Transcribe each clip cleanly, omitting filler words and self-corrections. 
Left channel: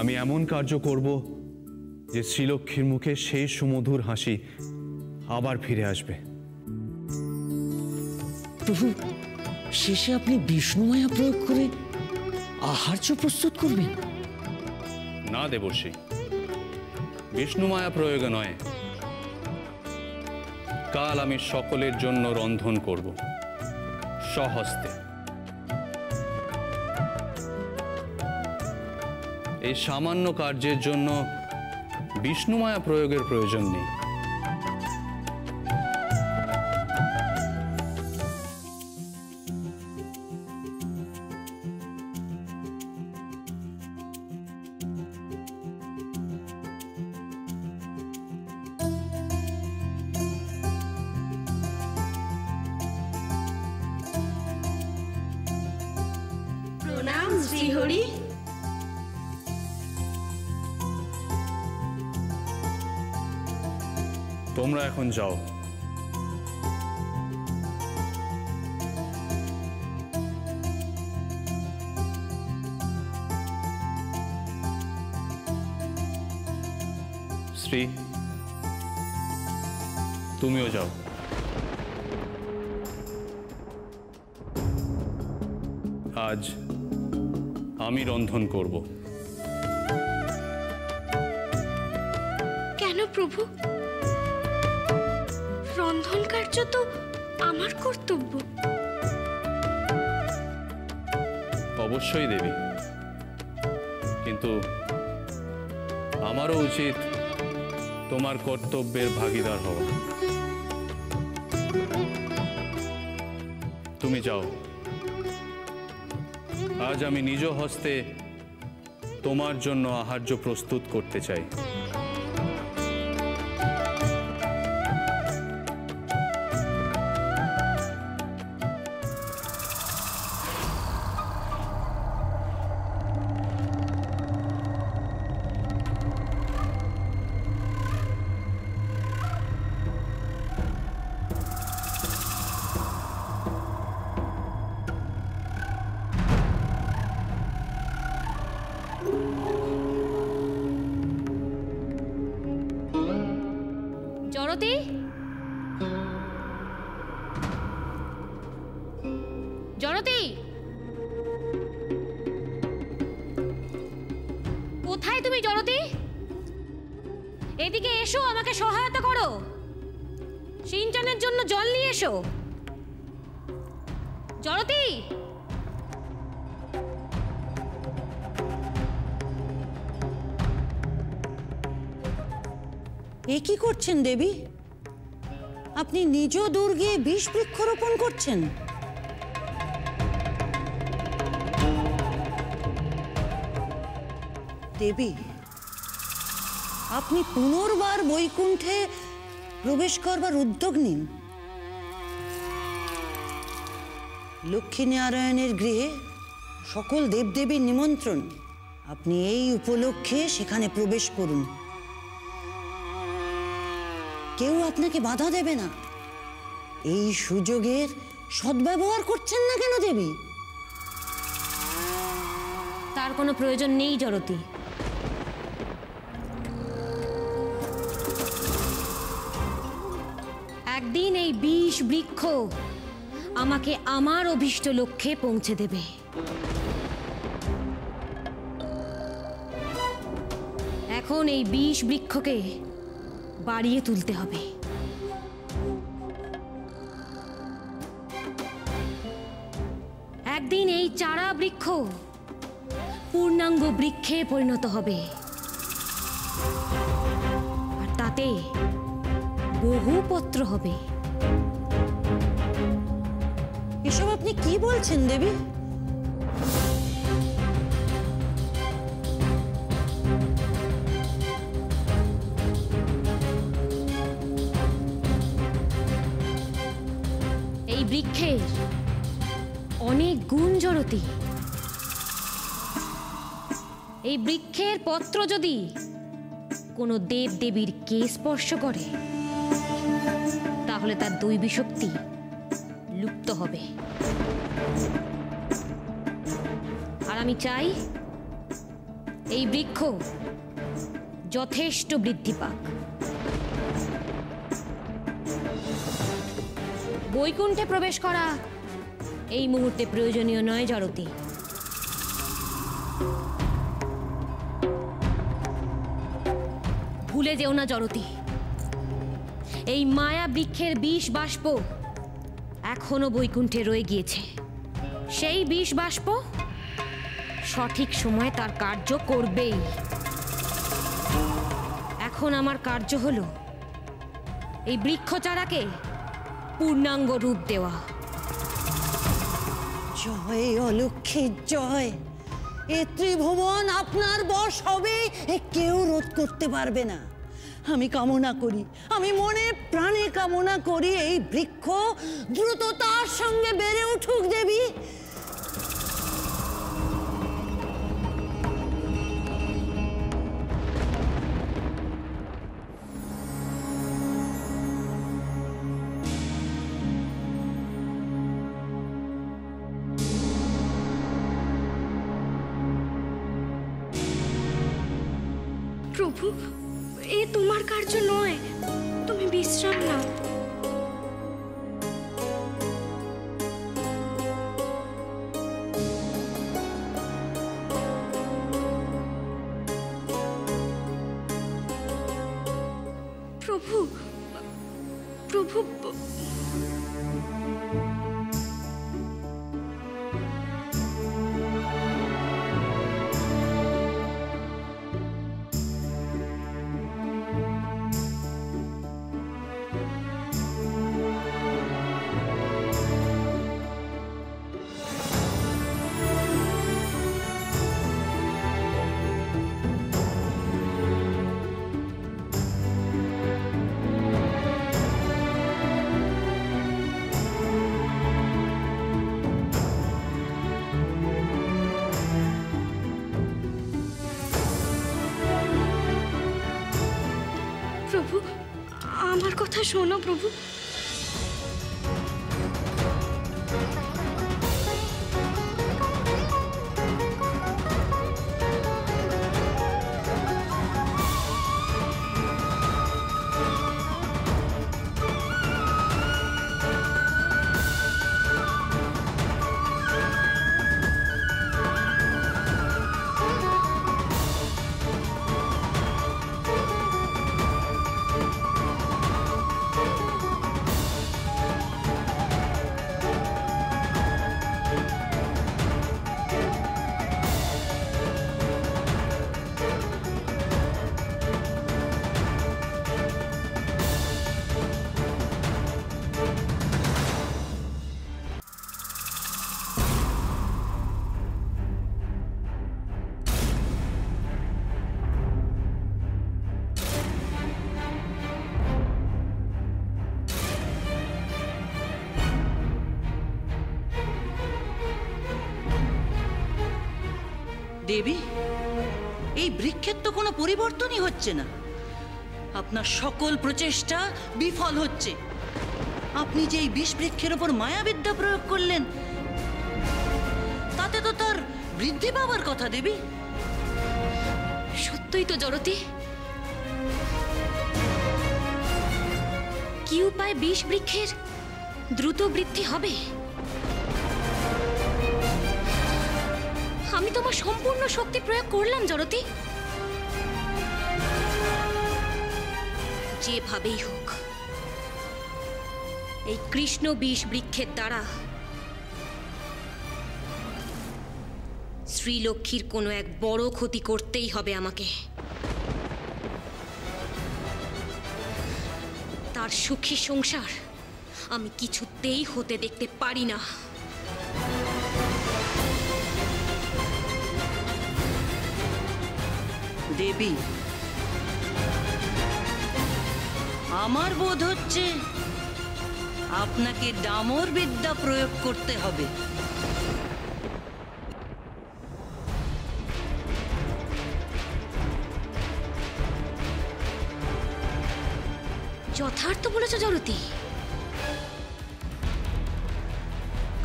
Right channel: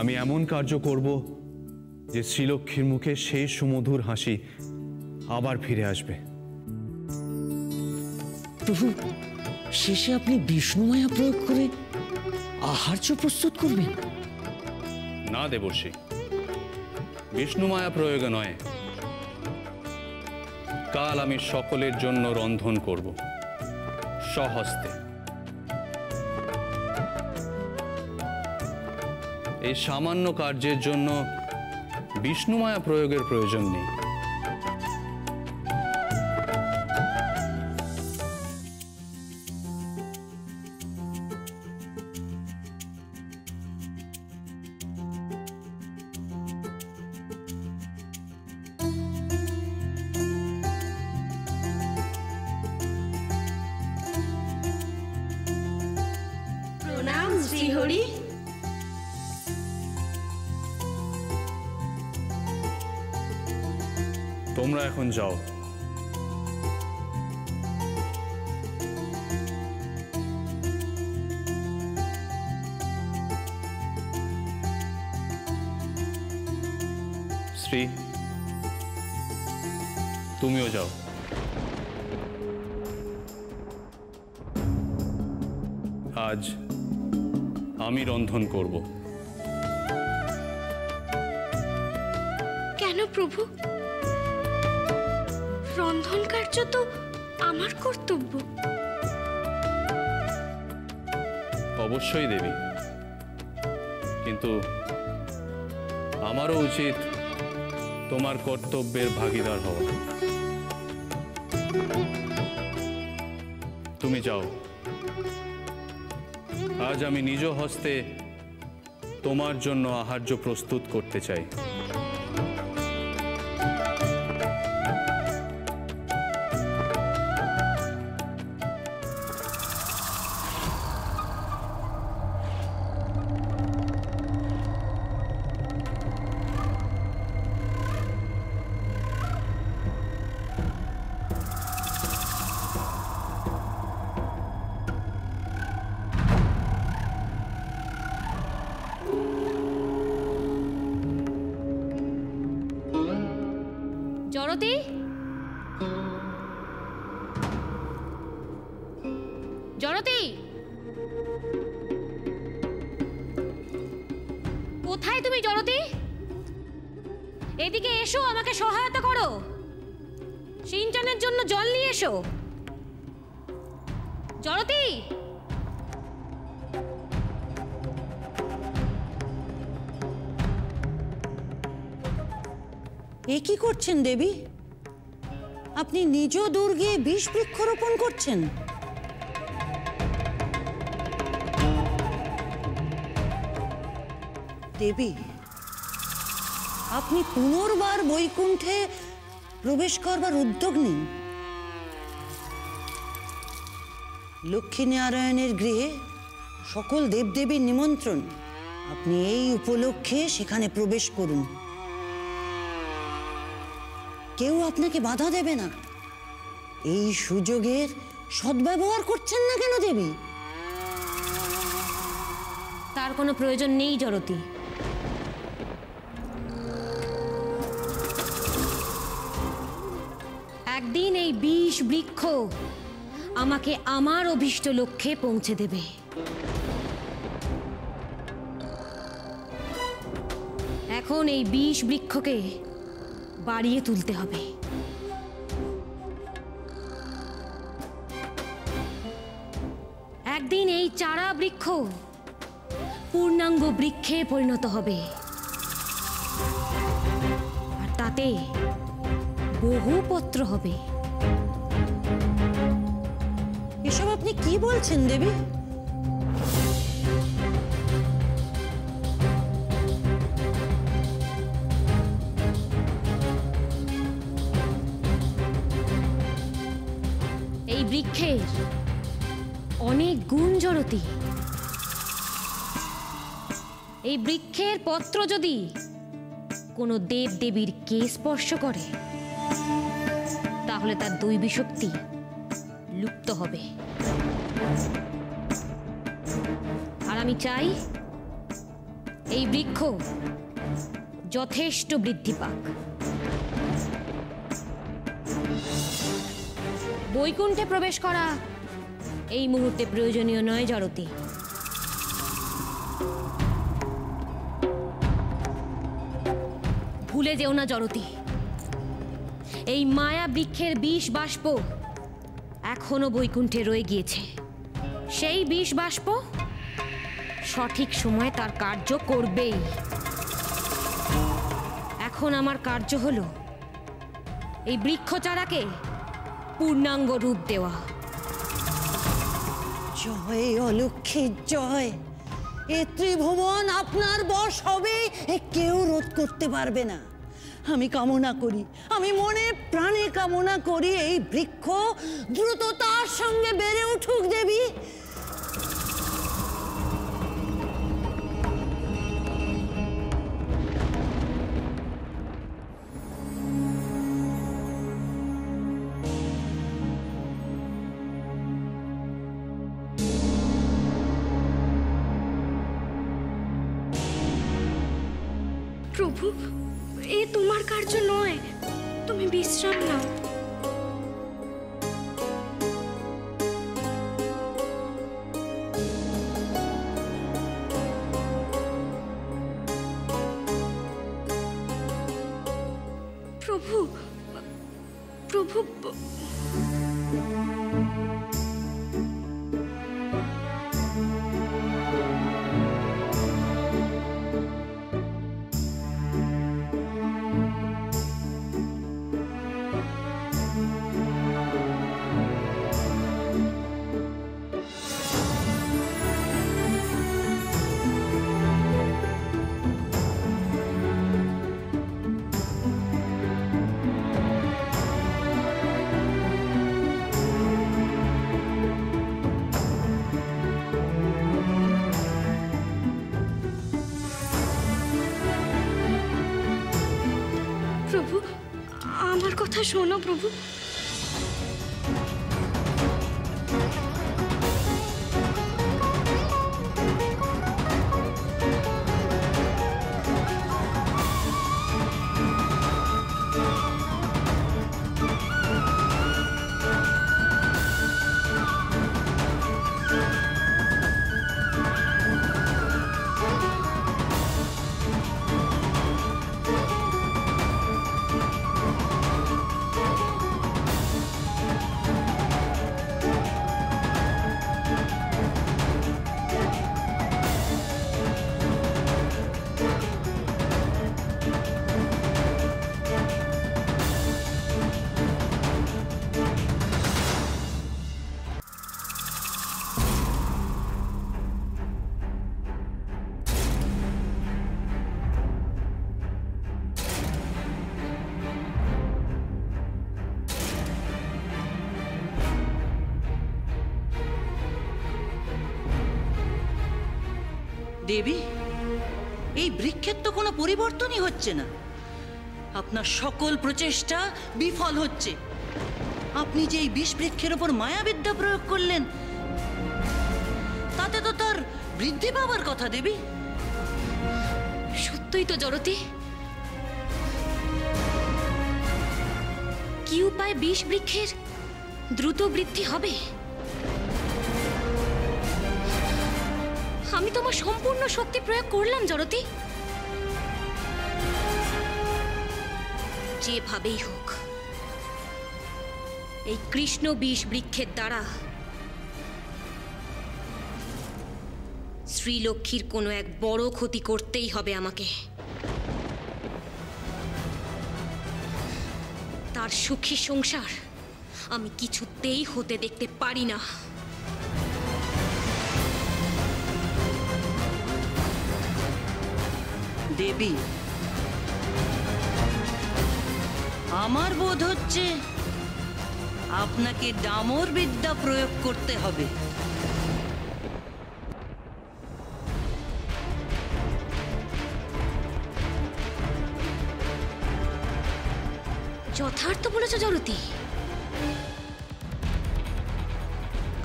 আমি এমন কার্য করব যে শ্রীলক্ষ্মীর মুখে সেই সুমধুর হাসি আবার ফিরে আসবে। প্রভু, শেষে আপনি বিষ্ণুমায়া প্রয়োগ করে আহার্য প্রস্তুত করবেন? না দেবর্ষি, বিষ্ণুমায়া প্রয়োগে নয়, কাল আমি সকলের জন্য রন্ধন করব স্বহস্তে। এই সামান্য কার্যের জন্য বিষ্ণুমায়া প্রয়োগের প্রয়োজন নেই। প্রণাম শ্রীহরি। তোমরা এখন যাও। শ্রী, তুমিও যাও। আজ আমি রন্ধন করব। কেন প্রভু? রন্ধন কার্য তো আমার কর্তব্য। অবশ্যই দেবী, কিন্তু আমারও উচিত তোমার কর্তব্যের ভাগীদার হওয়া। তুমি যাও। আজ আমি নিজ হস্তে তোমার জন্য আহার্য প্রস্তুত করতে চাই। জড়তি, জড়তি, কোথায় তুমি জড়তি? এদিকে এসো, আমাকে সহায়তা করো। সিঞ্চনের জন্য জল নিয়ে এসো। জড়তি, এ কি করছেন দেবী? আপনি নিজ দুর্গে বিষ বৃক্ষরোপণ করছেন? দেবী, আপনি পুনর্বার বৈকুণ্ঠে প্রবেশ করবার উদ্যোগ নিন। লক্ষ্মীনারায়ণের গৃহে সকল দেবদেবীর নিমন্ত্রণ। আপনি এই উপলক্ষে সেখানে প্রবেশ করুন। কেউ আপনাকে বাধা দেবে না। এই সুযোগের সদ্ব্যবহার করছেন না কেন দেবী? তার কোনো প্রয়োজন নেই জড়তি। একদিন এই বিষ বৃক্ষ আমাকে আমার অভীষ্ট লক্ষ্যে পৌঁছে দেবে। এখন এই বিষ বৃক্ষকে বাড়িয়ে তুলতে হবে। একদিন এই চারা বৃক্ষ পূর্ণাঙ্গ বৃক্ষে পরিণত হবে, আর তাতে বহু পত্র হবে। এসব আপনি কি বলছেন দেবী? এই বৃক্ষের অনেক গুণ জড়তি। এই বৃক্ষের পত্র যদি কোনো দেব দেবীর কে স্পর্শ করে, তাহলে তার দৈবী শক্তি লুপ্ত হবে। আর আমি চাই এই বৃক্ষ যথেষ্ট বৃদ্ধি পাক। বৈকুণ্ঠে প্রবেশ করা এই মুহূর্তে প্রয়োজনীয় নয় জড়তি। ভুলে যেও না জড়তি, এই মায়া বৃক্ষের বিষ বাষ্প এখনো বৈকুণ্ঠে রয়ে গিয়েছে। সেই বিষ বাষ্প সঠিক সময়ে তার কার্য করবেই। এখন আমার কার্য হলো এই বৃক্ষচারাকে পূর্ণাঙ্গ রূপ দেওয়া। জয় অলক্ষীর জয়। এ ত্রিভুবন আপনার বশ হবে, এ কেউ রোধ করতে পারবে না। আমি কামনা করি, আমি মনে প্রাণে কামনা করি এই বৃক্ষ দ্রুততার সঙ্গে বেড়ে উঠুক দেবী। প্রভু, এ তোমার কার্য নয়, তুমি বিশ্রাম নাও। প্রভু, প্রভু, প্রভু, আমার কথা শোনো প্রভু। দেবী, এই বৃক্ষের তো কোনো পরিবর্তনই হচ্ছে না। আপনার সকল প্রচেষ্টা বিফল হচ্ছে। আপনি যে এই বিষ বৃক্ষের উপর মায়াবিদ্যা প্রয়োগ করলেন, তাতে তো তার বৃদ্ধি পাওয়ার কথা দেবী। সত্যই তো জড়তি। কি উপায় বিষ বৃক্ষের দ্রুত বৃদ্ধি হবে? আমি তোমার সম্পূর্ণ শক্তি প্রয়োগ করলাম জড়তি। যেভাবেই হোক এই কৃষ্ণ বিষ বৃক্ষের দ্বারা শ্রীলক্ষ্মীর কোনো এক বড় ক্ষতি করতেই হবে আমাকে। তার সুখী সংসার আমি কিছুতেই হতে দেখতে পারি না। দেবী, আমার বোধ হচ্ছে আপনাকে ডামর বিদ্যা প্রয়োগ করতে হবে। যথার্থ বলেছ জড়তি।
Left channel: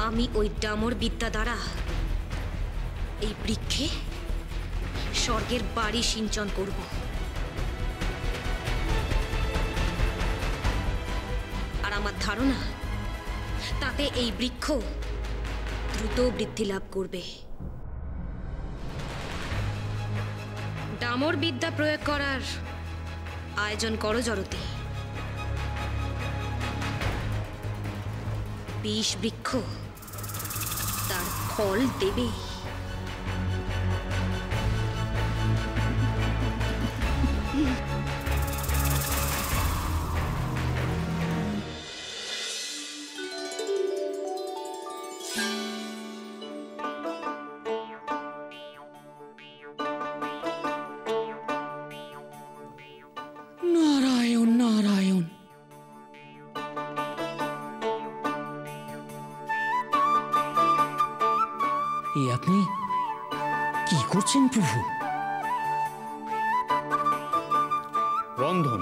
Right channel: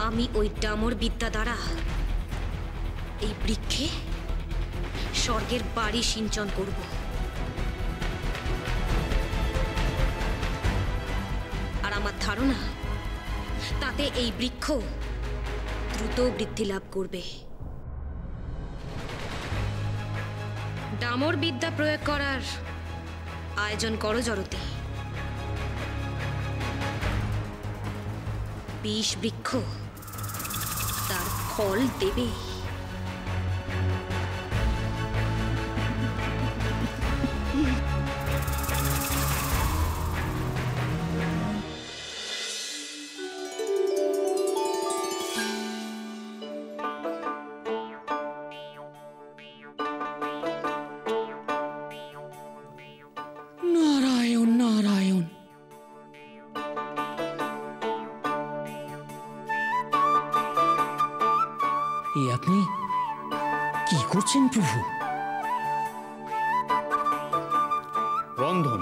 আমি ওই ডামর বিদ্যা দ্বারা এই বৃক্ষে স্বর্গের বাড়ি সিঞ্চন করব। আর আমার ধারণা তাতে এই বৃক্ষ দ্রুত বৃদ্ধি লাভ করবে। ডামর বিদ্যা প্রয়োগ করার আয়োজন করো জরতি। বিষ বৃক্ষ তার ফল দেবে। নারায়ণ নারায়ণ। আপনি কি করছেন প্রভু? রন্ধন।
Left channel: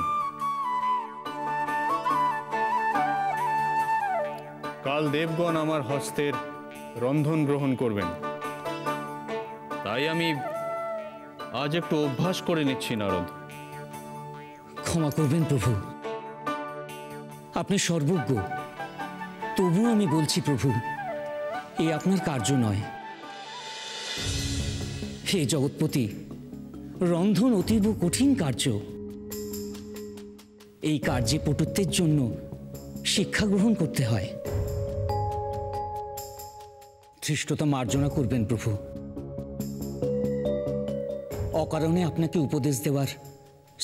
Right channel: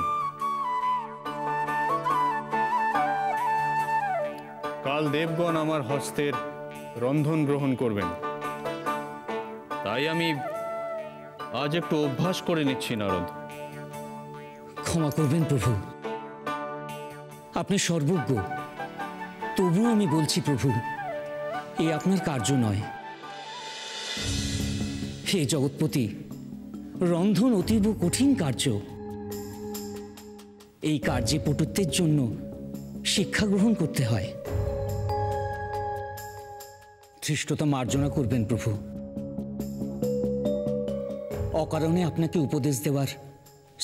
কাল দেবগণ আমার হস্তের রন্ধন গ্রহণ করবেন, তাই আমি আজ একটু অভ্যাস করে নিচ্ছি নারদ। ক্ষমা করবেন প্রভু, আপনি সর্বজ্ঞ, তবু আমি বলছি প্রভু, এ আপনার কার্য নয়। হে জগৎপতি, রন্ধন অতীব কঠিন কার্য। এই কার্যে পটুত্বের জন্য শিক্ষা গ্রহণ করতে হয়। ধৃষ্টতা মার্জনা করবেন প্রভু। অকারণে আপনাকে উপদেশ দেওয়ার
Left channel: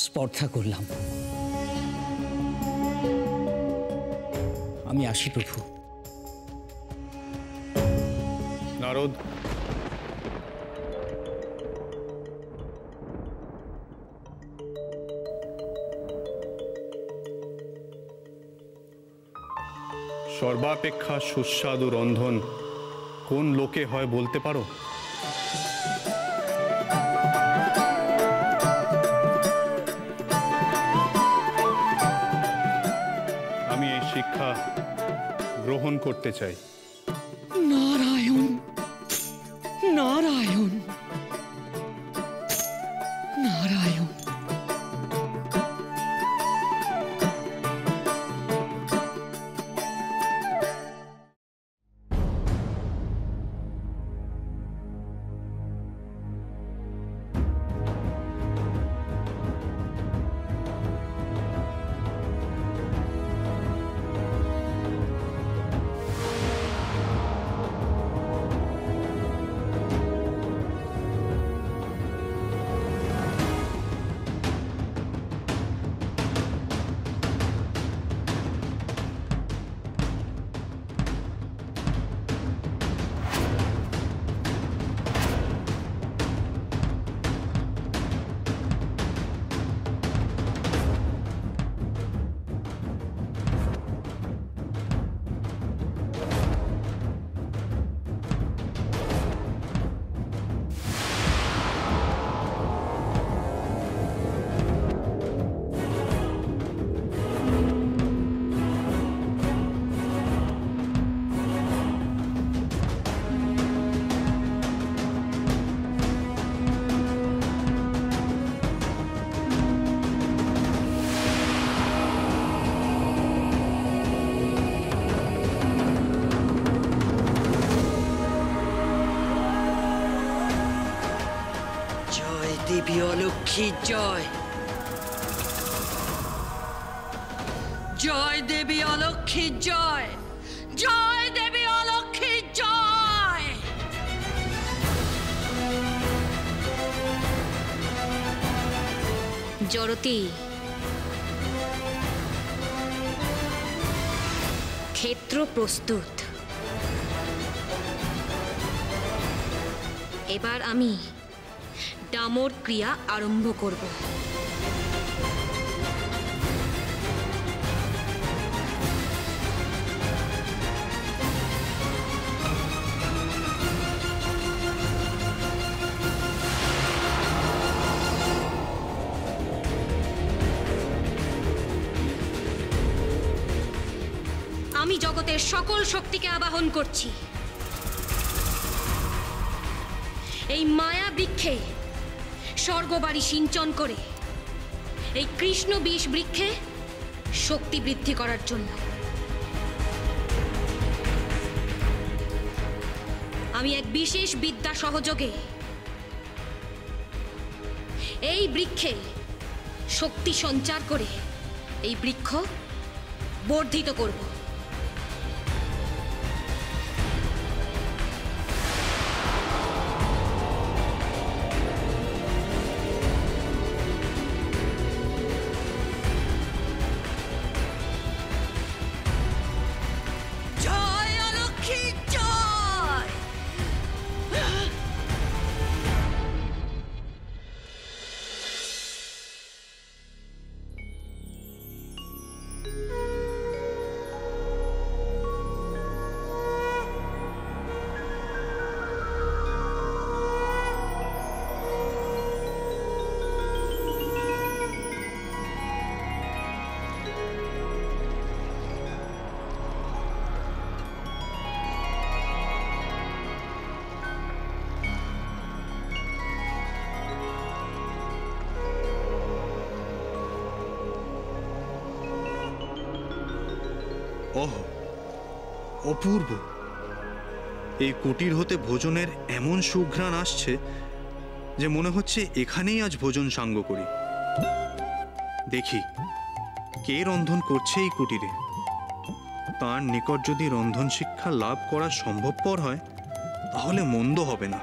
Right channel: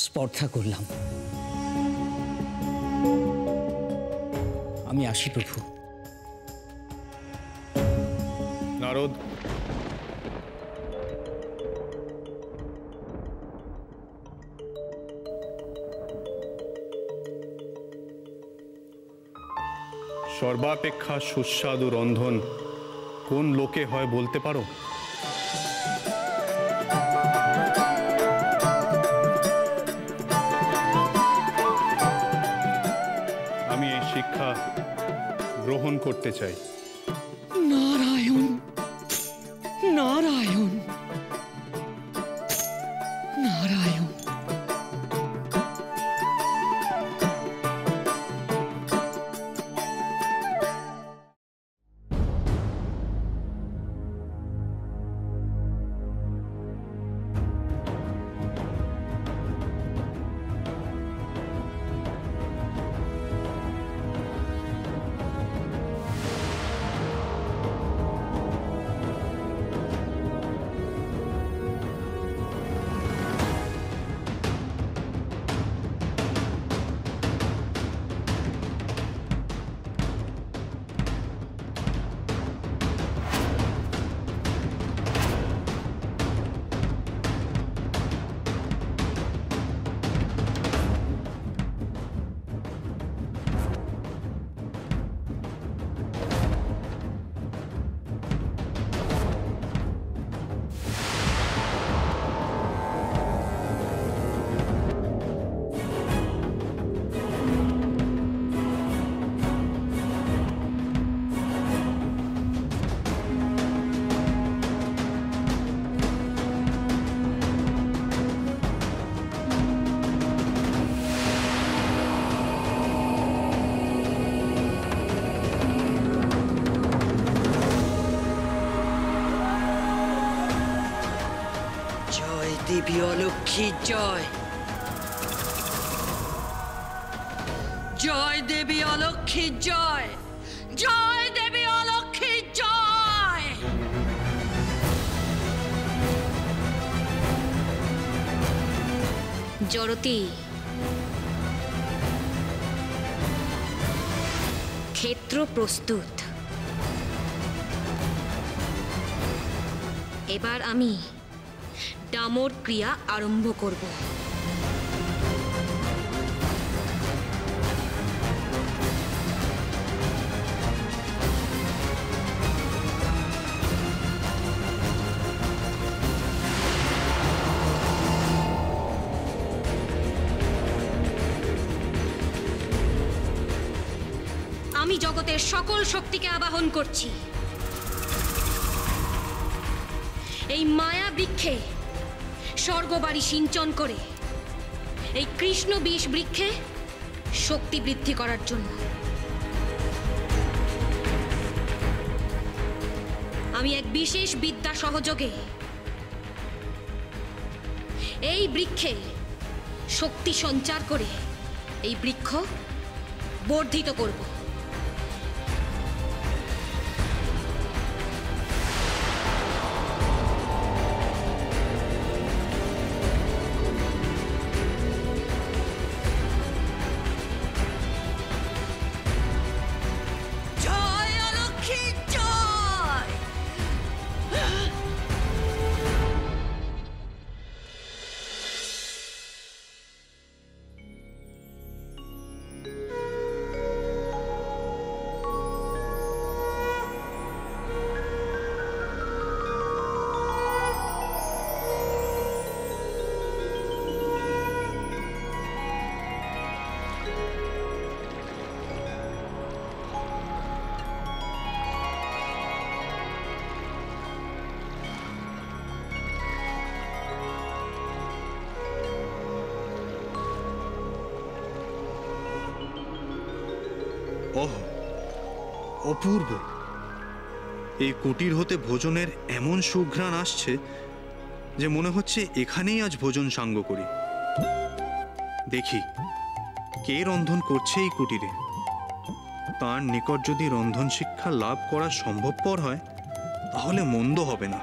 স্পর্ধা করলাম। আমি আসি প্রভু। নারদ, সর্বাপেক্ষা সুস্বাদু রন্ধন কোন লোকে হয় বলতে পারো? আমি এই শিক্ষা গ্রহণ করতে চাই। নারায়ণ নারায়ণ নারায়ণ। দেবী অলক্ষ্মীর জয়। জয় দেবী অলক্ষ্মীর জয়। জয় দেবী অলক্ষ্মীর জয়। জরতি, ক্ষেত্র প্রস্তুত। এবার আমি ডামর ক্রিয়া আরম্ভ করব। আমি জগতের সকল শক্তিকে আবাহন করছি। এই মায়া বৃক্ষে স্বর্গবাড়ি সিঞ্চন করে এই কৃষ্ণ বিষ বৃক্ষে শক্তি বৃদ্ধি করার জন্য। আমি এক বিশেষ বিদ্যা সহযোগে এই বৃক্ষে শক্তি সঞ্চার করে এই বৃক্ষ বর্ধিত করব। জয় অলক্ষী জয়। ওহ, অপূর্ব! এই কুটির হতে ভোজনের এমন সুঘ্রাণ আসছে যে মনে হচ্ছে এখানেই আজ ভোজন সাঙ্গ করি। দেখি কে রন্ধন করছে এই কুটিরে। তার নিকট যদি রন্ধন শিক্ষা লাভ করা সম্ভবপর হয় তাহলে মন্দ হবে না।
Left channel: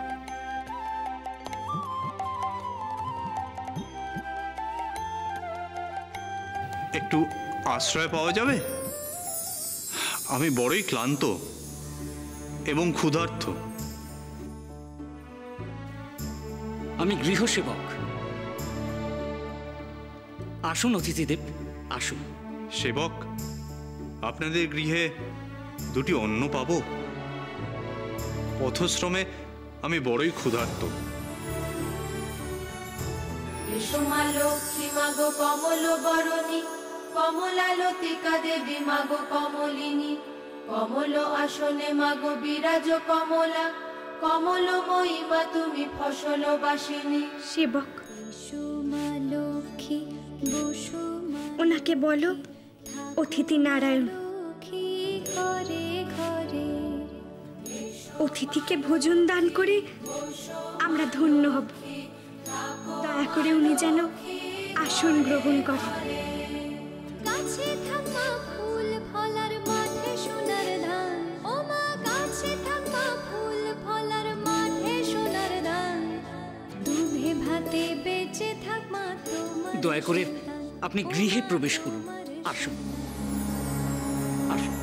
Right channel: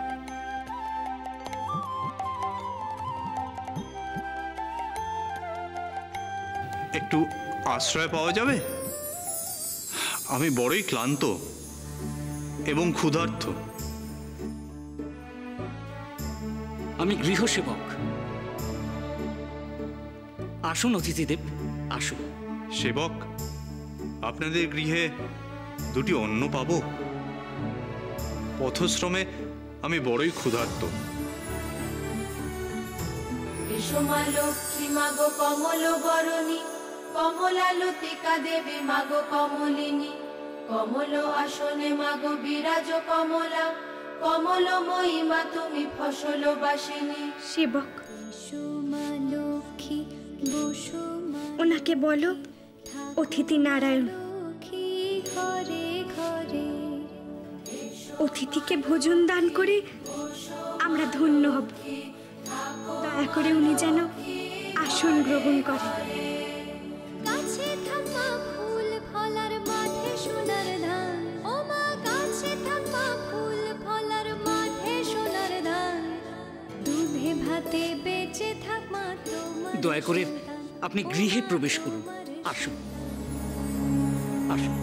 একটু আশ্রয় পাওয়া যাবে? আমি বড়ই ক্লান্ত এবং ক্ষুধার্ত। আমি গৃহসেবক। আসুন অতিথিদেব, আসুন। সেবক, আপনাদের গৃহে দুটি অন্ন পাব? পথশ্রমে আমি বড়ই ক্ষুধার্ত। মা লক্ষ্মী মাগো কমল বরণী, কমলালতিকা দেবী মাগো কমলিনী, কমল আসনে মাগো বিরাজ কমলা, কমলময়ী মা তুমি ফসল বাসিনী। সেবক, ওনাকে বলো অতিথি নারায়ণ। অতিথিকে ভোজন দান করে আমরা ধন্য হব। দয়া করে উনি যেন আসন গ্রহণ করেন। গাছে থাকা ফুল ফলার মাঠে সোনার ধান, ও মা গাছে থাকা ফুল ফলার মাঠে সোনার ধান, দুধে ভাতে বেঁচে থাক মা তোমার। দয়া করে আপনি গৃহে প্রবেশ করুন। আসুন, আসুন।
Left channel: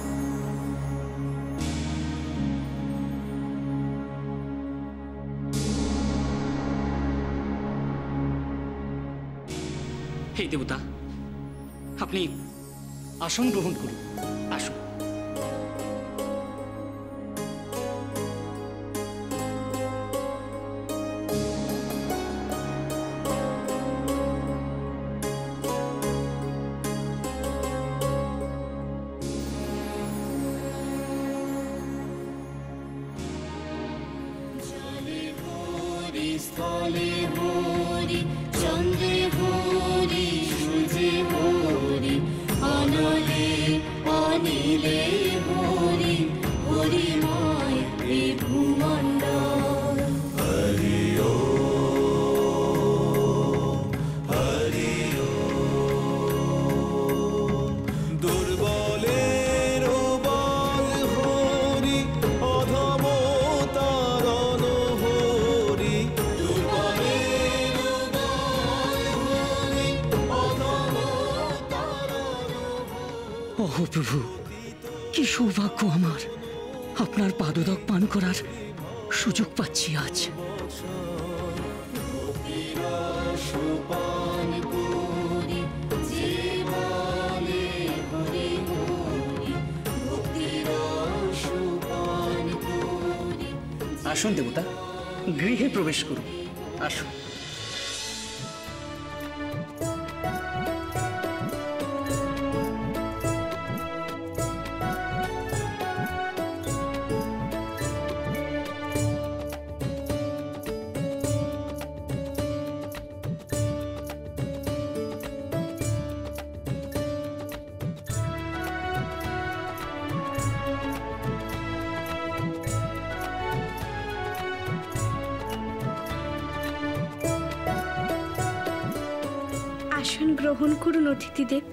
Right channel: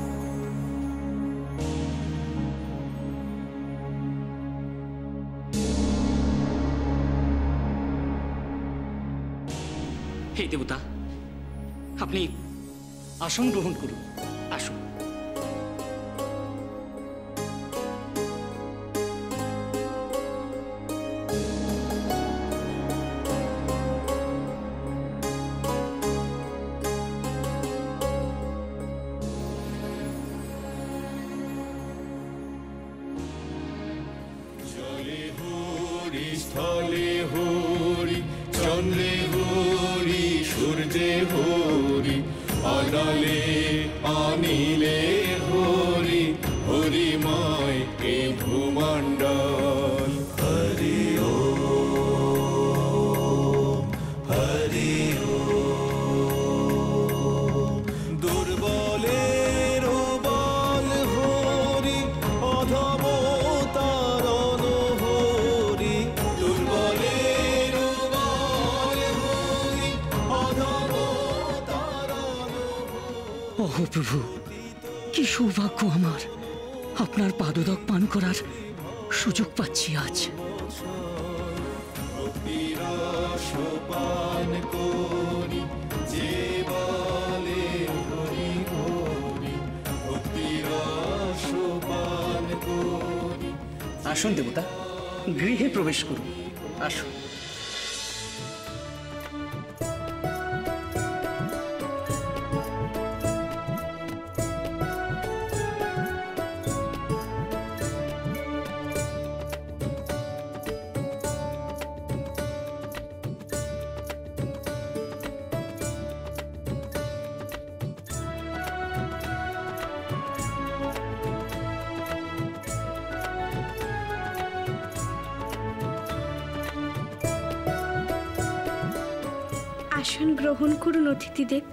হে দেবতা, আপনি আসন গ্রহণ করুন। আসুন। ওহ প্রভু, কি সৌভাগ্য আমার! আপনার পাদোদক পান করার সুযোগ পাচ্ছি আজ। আসুন দেবতা, গৃহে প্রবেশ করুন। আসুন। আসন গ্রহণ করুন অতিথিদেব।